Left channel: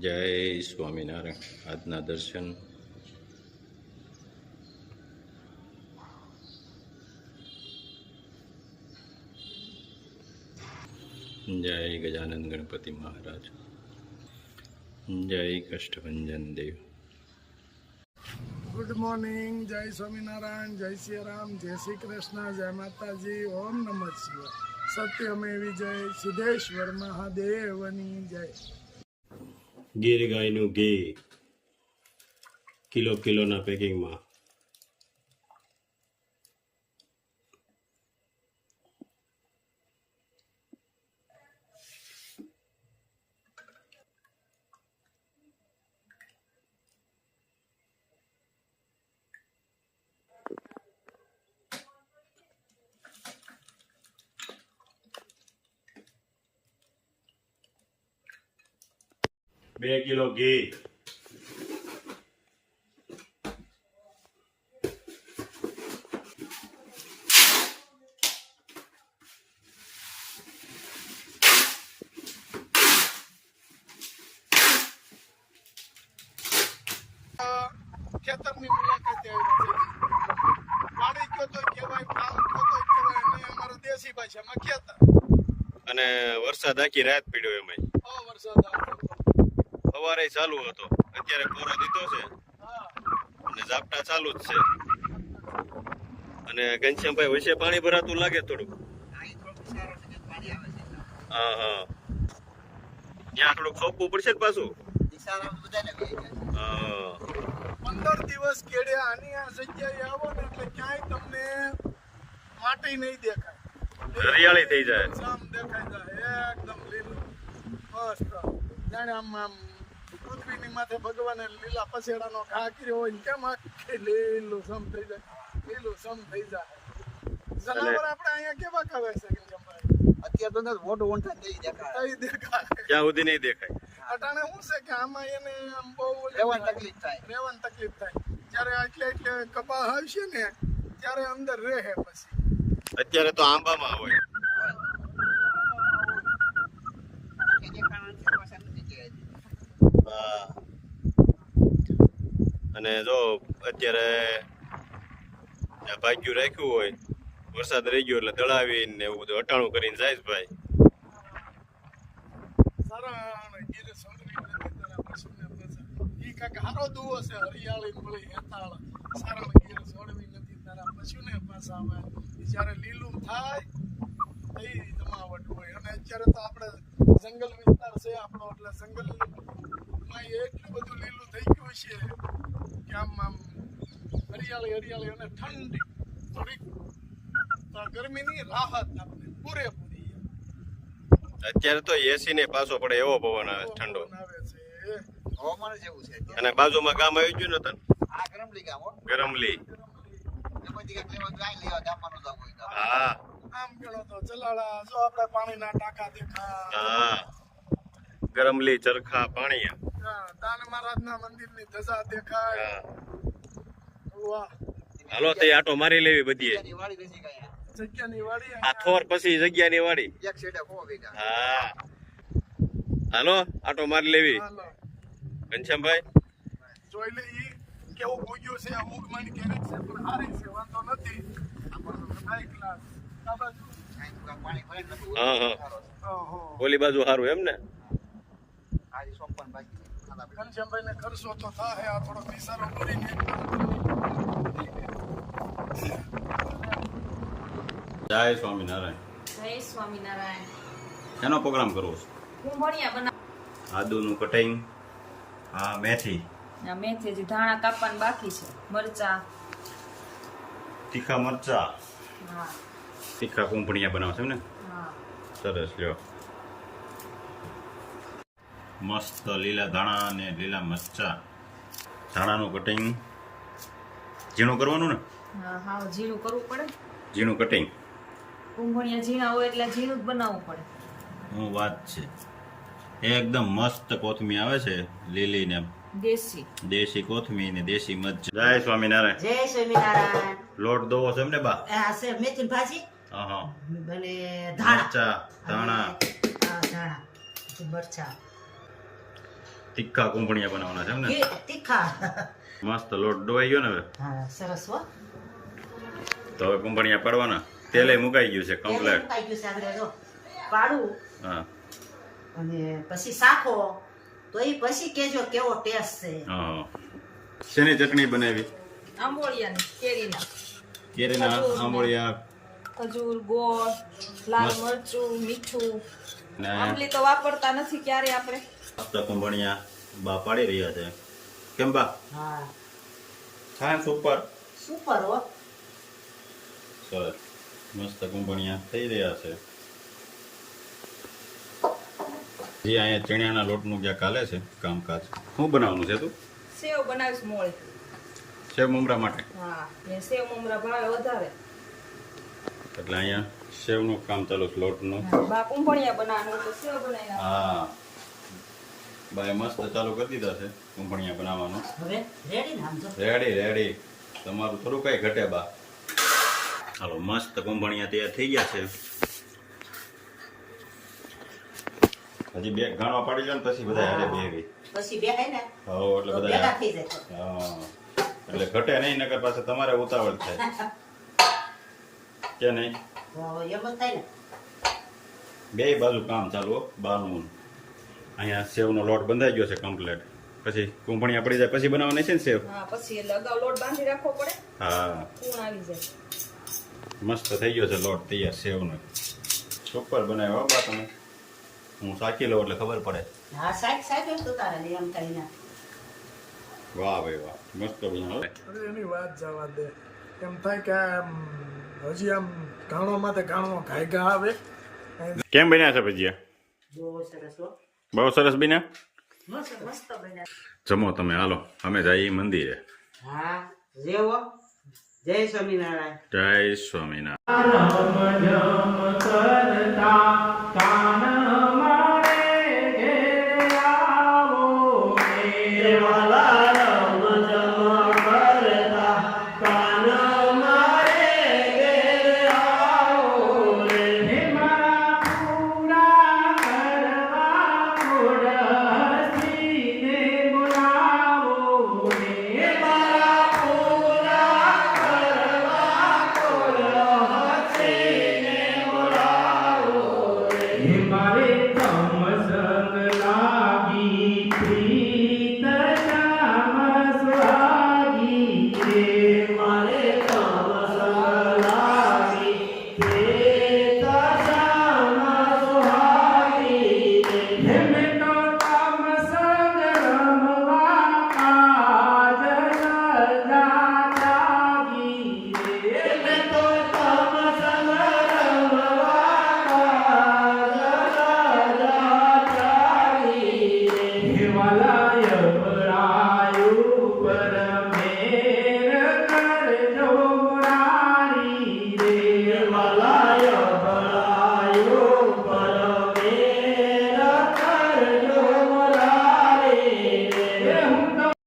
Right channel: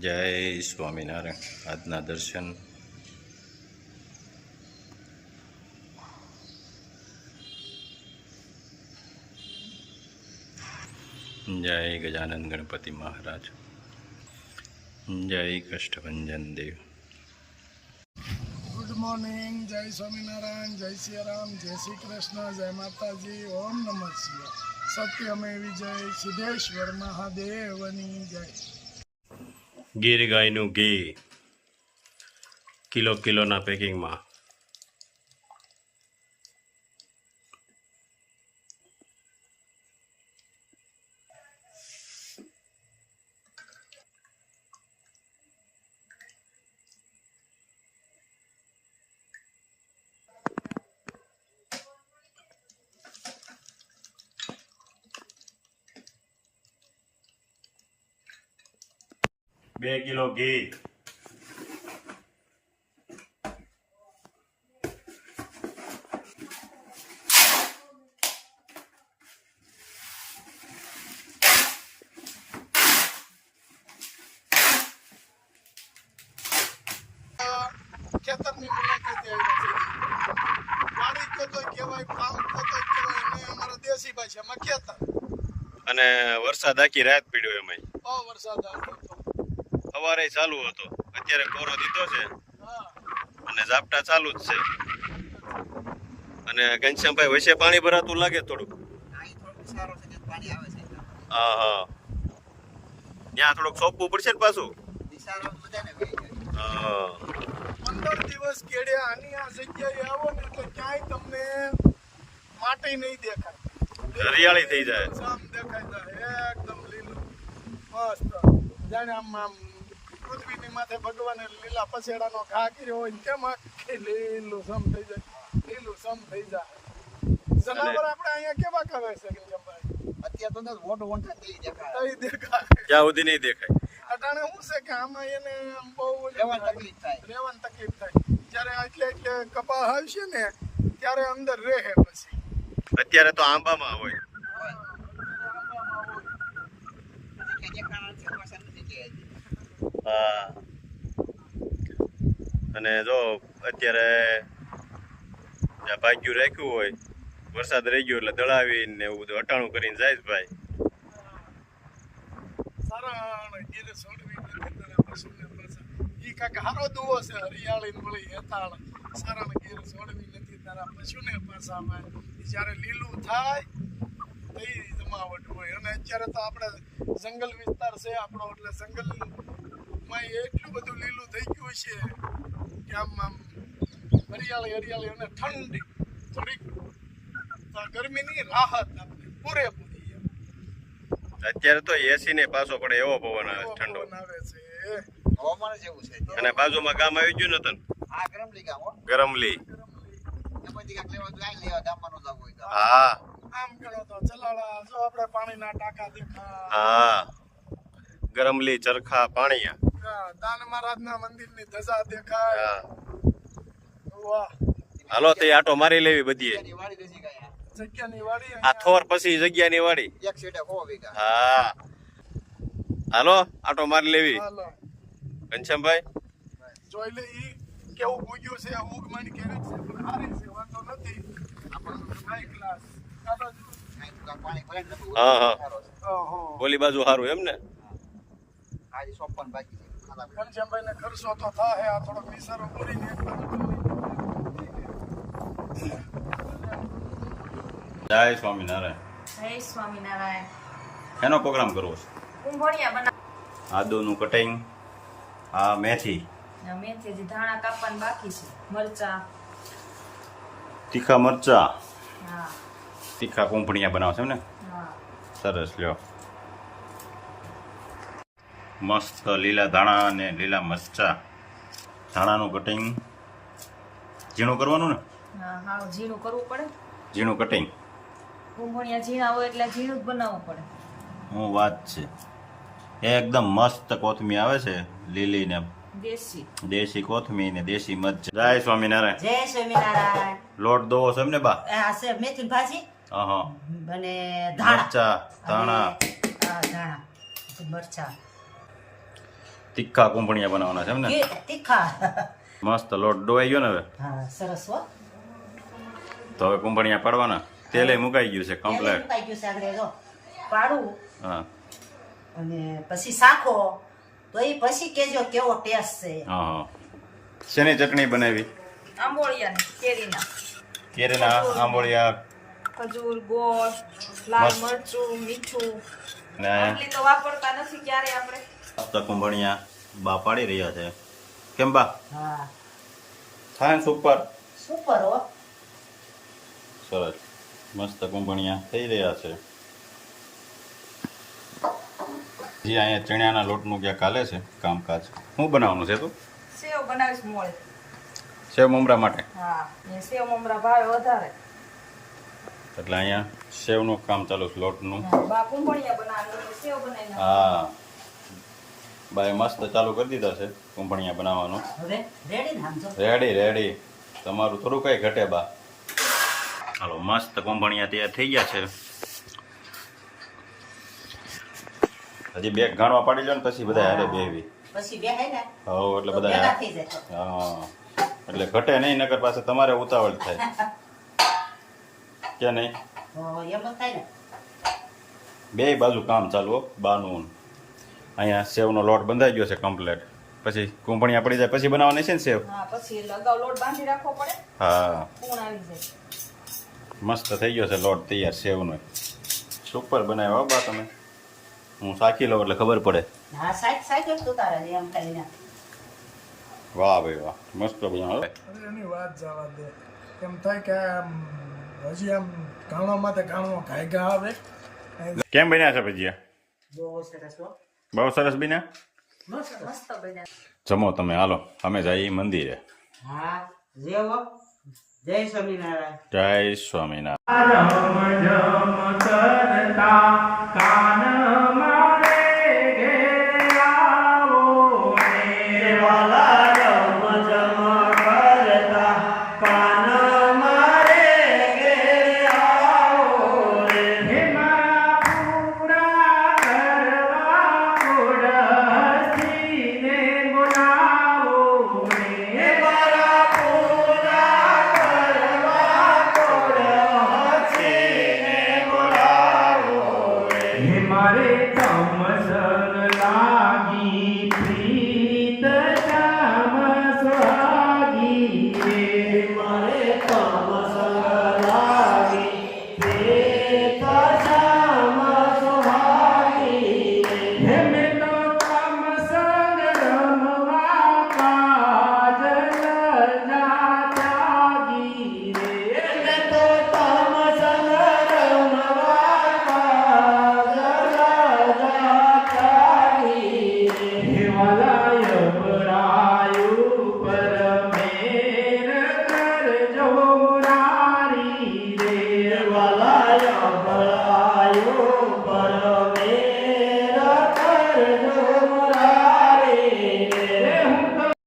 જય સ્વામિનારાયણ. આજના દર્શન જય ગજાનંદ ગણપતિ મહારાજ, જય કષ્ટભંજન દેવ. ગુડ મોર્નિંગ, જય સ્વામિનારાયણ, જય સિયારામ, જય શ્રી કૃષ્ણ, જય માતાજી, ઓમ નમઃ શિવાય. સત્યમે વિજય, સિદ્ધેશ્વર મહાદેવની જય. ગીર ગાયનું ઘી કિલોના પેકિંગમાં. બે કિલો ઘી, ખેતરની મુલાકાતે આવ્યા છે. વાડી તો કહેવાય, ફાર્મ તો કહેવાય, અને અમારા દેશી ભાષામાં ખેતર. અને વરસાદ આખી રાત પડ્યો એમાં. બહુ વરસાદ આવ્યો. સવારે ચાલુ હતો, અત્યારે કોરો દીધો છે અને ઝાપટા ચાલુ જ છે. અને ઘનશ્યામભાઈ વચ્ચે પાણી ભરાતું લાગે થોડું. હા હા, ત્યાં થોડુંક સોંપવું પડશે ને પાછું. 15 દિવસ કેડે આની આ જગ્યાએ આવો ને એટલે ક્યાંય તમને માટી નહીં દેખાય, હરિયાળી થઈ જાય. આમ દેખાય જાય એકદમ લીલું મસ્ત. જાણે આમ પૃથ્વીની માથે ભગવાને લીલા પસેડાનો ઘા કર્યો હોય ને તેમ આખી લીલું સમ થઈ જાય, લીલું સમ થઈ જાય. જનાવર આપણે અહીંયા કેવા કહે છે કે અત્યારે તો મોટું વંઠા થઈ દેખાય. જ્યાં સુધી નહીં દેખાય. અટાણે શું છે કે આમાં એને આમ બહુ રહેવાની તકલીફ થાય. જ્યારે એટલે કપાસ આવશે ને ત્યારે અંદર રહે. પછી અત્યારે તો આંબામાં હોય. હા, અને જો અત્યારે ભાગ્યું રાખ્યું હોય, વરસાદ રહી ગયો એટલે દળાવીને એવું બધું અટાણું કરીને જાય છે ભાઈ. સારણ ગીર છોડવી નથી તારા પશુને પાછા. ઈ કાંઈક હારો દુવો છે, હરિયાળી મળી હેતાળ. સારણ ગીર છોડવી નથી તારા પશુને પાછામાં. જ્યારે લીલું થાય એ જમાવટ હોય. અને અત્યારે તો આપણે જંગલ વિસ્તાર છે આપણો, એટલે જંગલમાં એટલું બધું લીલું થઈ ગયું છે કે આમ હરિયાળી અને ઠંડી થોડીક ગરમીની રાહત આપણે પૂરેપૂરી. અત્યારે તો એસી ને પાછો પડે એવો પવન આવે ઠંડો. આવે છે હવામાન જેવું છે. અને બાજુમાં ગામ આવી ગયું નતું, આ ગરમલી ગામ હો. ગરમલી. એમાંથી કાંઈક લેવા તો આ લેવા દામવાનું જવું હોય તો. હા આમ ગણો તો ચલાળા જો આપણે પાણીના ટાંકા દેખા. હા, ગરમલી, ચરખા, પાણીયા. દાન મહારાજના મંદિરની ધજા દેખાય. હા. વાહ, હાલો તો આટો મારી લેવી બધી. એની વાડી દેશી ગાય. જગ્યાની વાડી આ થોર પછી જગ્યાની વાડી. એક સીટે 4 વીઘા. હા, હાલો આટો મારી લેવી. હાલો ઘનશ્યામભાઈ જોઈ લે ઈ કેવું પૂજ્યું છે. અમુક માની કેરેક છે પણ હારી છે, વાંધો નથી. High class. આ બાજુ પાણી ભરાય ને બધું. હા હા, ઓહો. ઓલી બાજુ સારું એમ ને. આજે 54 બાકી છે. ખાલા બેઠા. ઘનશ્યામભાઈને ખર્ચો તો થાય. આ થોડોક વિસારો કરીને જય સ્વામિનારાયણ. જય સ્વામિનારાયણ. એનો પ્રોગ્રામ કરવો છે. કુંભળિયા બના. આદુનું કટિંગ, આ મેથી, મેથી હજી ધાણા કાપવાનું બાકી છે. મરચા. તીખા મરચા, હા તીખા કુંભણિયા બનાવશે ને. હા. સરસ, લ્યો. મસ્ત લીલા ધાણા અને લીલા મરચા. ધાણાનું કટિંગ ઝીણું કરવાનું ને. હા હા, ઝીણું કરવું પડે. ઝીણું કટિંગ. કુંભળિયા ઝીણા હોય એટલે ઝીણું જ બનાવવું પડે. હું વાત છે. એકદમ મસ્ત કોથમી આવે છે, લીલી ને દેશી. દેશી કોથમી ને દેશી મરચા. જય સ્વામિનારાયણ. જય સ્વામિનારાયણ. લોટ દોવો છે એમને બા. આ છે મેથી ભાજી હા, અને ધાણા મરચા, ધાણા. અને આ ધાણા પછી મરચા. તીખા કુંભણિયા બનાવવાના છે એમ ને? તીખા. મસ્ત લોટ ડોવાઈ ગયો ને હવે હા, સરસ હો. તો હવે કુંભણિયા પાડવાના. તેલે મુકાઈ ગયું છે તેલ કમ્પ્લેટ. મુકાઈ ગયું છે આગળ જો. પાડું હા અને પછી શાખો તો એ પછી કેજો કેવો ટેસ્ટ છે. હા. શેની ચટણી બનાવી? આંબોળિયાની કેરીના કેરીના આંબોળિયા ખજૂર ગોળ લાલ મસ્ત. મરચું મીઠું ને આટલી તો વાપરતા નથી ક્યારે આપણે મસ્ત કુંભણિયા બા પાડી રહ્યા છે. કેમ બા? હા, થાય ને સુપર? સુપર હો. સરસ. મસ્ત કુંભણિયા થઈ રહ્યા છે. જે અહીંયા ચણાના લોટનું ક્યાં કાલે છે કામકાજ. શું બનાવવાનું છે તું? સેવ બનાવીશ મોળે સેવ મમરા માટે. હા એ સેવ મમરા ભાવે વધારે એટલે અહીંયા સેવનું કામ ચાલુ છે લોટનું. બા કુંભણિયા બનાવવાનું એટલે સેવ બનાવી હા બાય મસ્ત ચાલુ કરી દીધા છે કુંભણિયા બનાવવાનું. હવે રેડી ને આમ જો. રેડી. તમારું થોડું કઈ ઘટે બા. હાલો મસ્ત કુંભણિયા તૈયાર થઈ ગયા છે. હજી બે ગાણવા પાડી લે ને પછી બધા હારે બેહવી. પછી બેહાય ને હો એટલે તો બધા ભેગા થઈ જાય. હા એટલે ઘટે નહીં નકર પાસે તમારે ઉતાવળ થાય કે નહીં? તો એમ જ થાય ને. બે બાજુ કામ ચાલુ હો બાનું. અહીંયા સેવનો લોટ બંધાઈ ગયો છે કમ્પ્લેટ. પછી કુંભણિયા પડી જાય પછી બનાવવાની છે ને સેવ? હા પછી એટલે અગાઉ લોટ બાંધી રાખવો પડે હા કૂણ આવી જાય મસ્ત થઈ ગયો છે લોટ તૈયાર સેવનો. સુપર બનાવ્યો હો બા તમે. હું સાચી લઉં એટલે ખબર પડે. હા, સાઈડ સાઈડ જ ઉતારે છે એમ કરીને. વાહ ભાઈ વાહ મસ્ત બનાવો. અરે એની વાત જવા દે. એમ થાય કે આમ હજી આમ ઘાણોમાં તે ઘાણો ઘાયગા આવે. કેમ બન્યા છે ભજીયા? બહુ સરસ હો. બહુ સરસ બન્યા. મસ્ત. મસ્ત બન્યા જમો તમે હાલો અમે જઈએ મંદિરે. હા, જેવો. જય સ્વામિનારાયણ. જય સ્વામિનારાયણ. हिमालय